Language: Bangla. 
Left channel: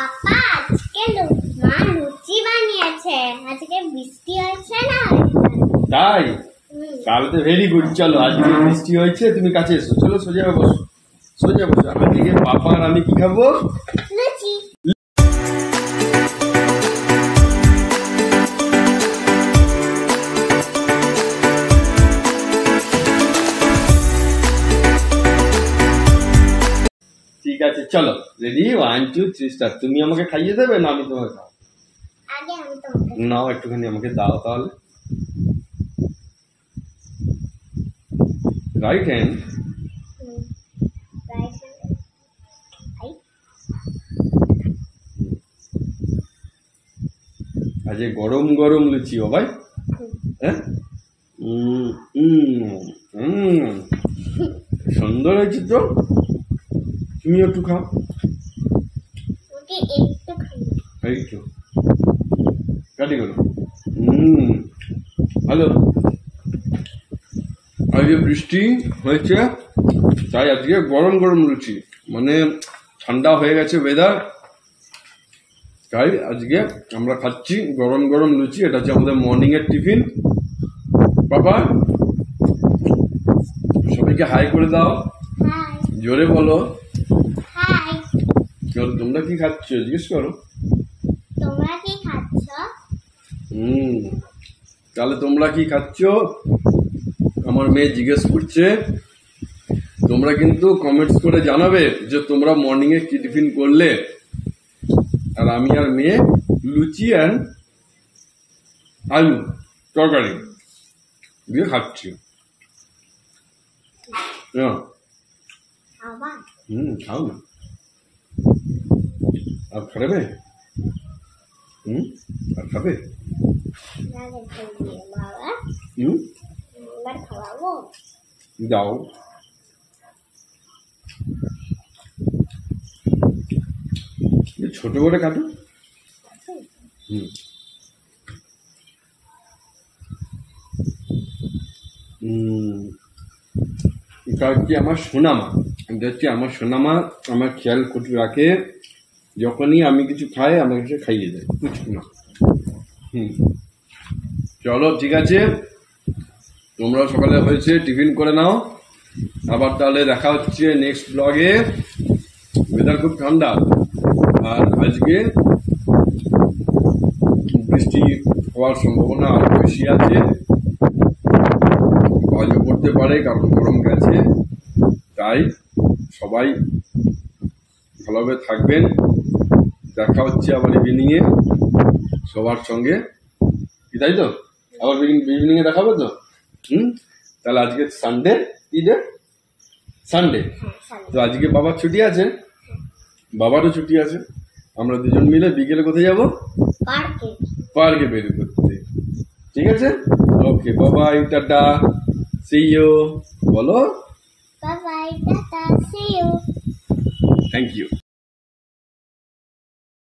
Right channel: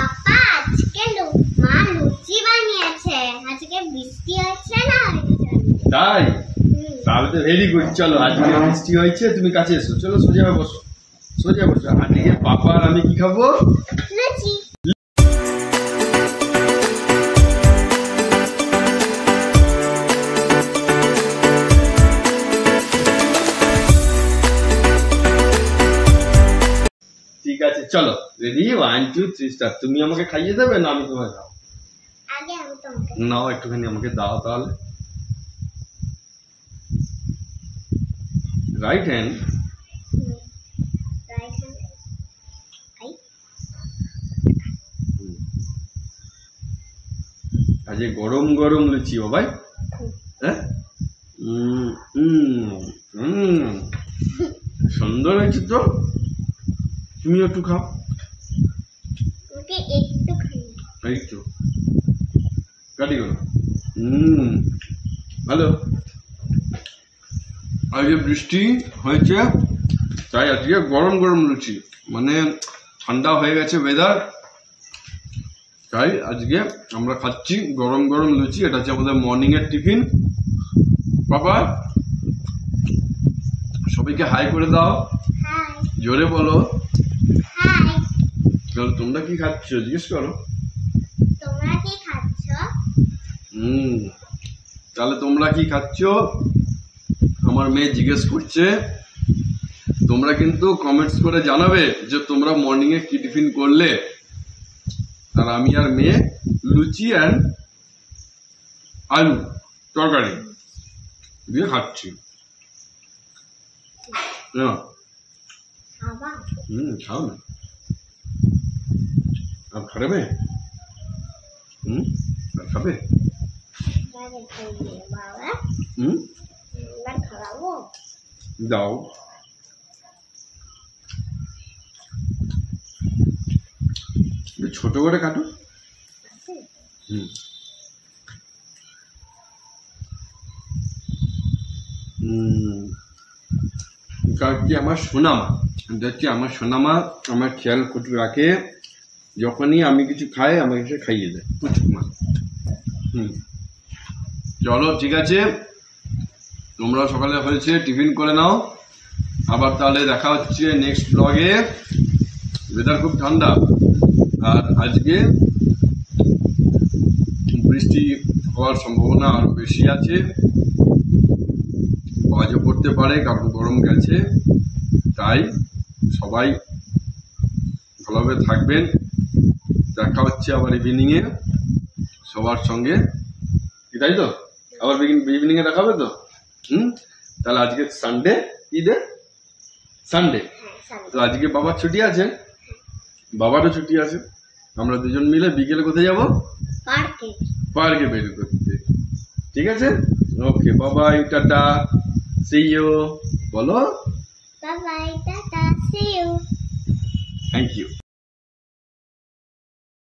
পাপা আজকে মা লুচি বানিয়েছে, আজকে বৃষ্টি হয়েছে না তাই? তাহলে তো ভেরি গুড। চলো আজকে বৃষ্টি হয়েছে, তুমি কাছে এসো, চলো সোজা বসো, সোজা বসো। আজকে পাপা আর আমি কি খাবো? লুচি। ঠিক আছে চলো, রেডি, 1 2 3 স্টার্ট। তুমি আমাকে খাইয়ে দেবে না আমি তোমাকে খাও? আগে আমি তোমাকে নাও একটুখানি আমাকে দাও তাহলে। Right hand. Right hand I. আজকে গরম গরম লুচি বাবাই। হ্যাঁ, সুন্দর হয়েছে তো, তুমি একটু খাও। ওকে একটু খাই। এই তো কাটি করো। ভালো। আজকে বৃষ্টি হয়েছে তাই আজকে গরম গরম লুচি, মানে ঠান্ডা হয়ে গেছে ওয়েদার, তাই আজকে আমরা খাচ্ছি গরম গরম লুচি। এটা হচ্ছে আমাদের মর্নিং এর টিফিন। বাবা সবাইকে হাই করে দাও, হাই। জোরে বলো হাই। তোমরা কি খাচ্ছ জিজ্ঞেস করো। তোমরা কি খাচ্ছ? তাহলে তোমরা কি খাচ্ছ আমার মেয়ে জিজ্ঞেস করছে। তোমরা কিন্তু কমেন্টস করে জানাবে যে তোমরা মর্নিং এ কি টিফিন করলে। আর আমি আর মেয়ে লুচি অ্যান্ড আলু তরকারি দিয়ে খাচ্ছি। খাও না, আর খাবে? আর খাবে? দাও। ছোট করে কাটো। এটা হচ্ছে আমার সোনামা, এটা হচ্ছে আমার সোনামা, আমার খেয়াল খুঁটি রাখে। যখনই আমি কিছু খাই আমাকে সে খাইয়ে দেয় কুচুমা। চলো ঠিক আছে, তোমরা সকালে হয়েছে টিফিন করে নাও। আবার তাহলে দেখা হচ্ছে নেক্সট ব্লগে। ওয়েদার খুব ঠান্ডা আর আজকে বৃষ্টি হওয়ার সম্ভাবনা আরো বেশি আছে, আজও পড়তে পারে কারণ গরম গেছে। তাই সবাই ভালোভাবে থাকবেন। দেখা হচ্ছে আবার ইভিনিংয়ে সবার সঙ্গে, কি তাই তো? আবার ইভিনিংয়ে দেখা হবে তো। তাহলে আজকে সানডে, কি ডে? সানডে। তো আজকে বাবার ছুটি আছে, বাবারও ছুটি আছে। আমরা দুজন মিলে বিকেলে কোথায় যাবো? পার্কে বের করতে। ঠিক আছে, okay, Babai, tata, see you. বলো bye bye, tata, see you. Thank you.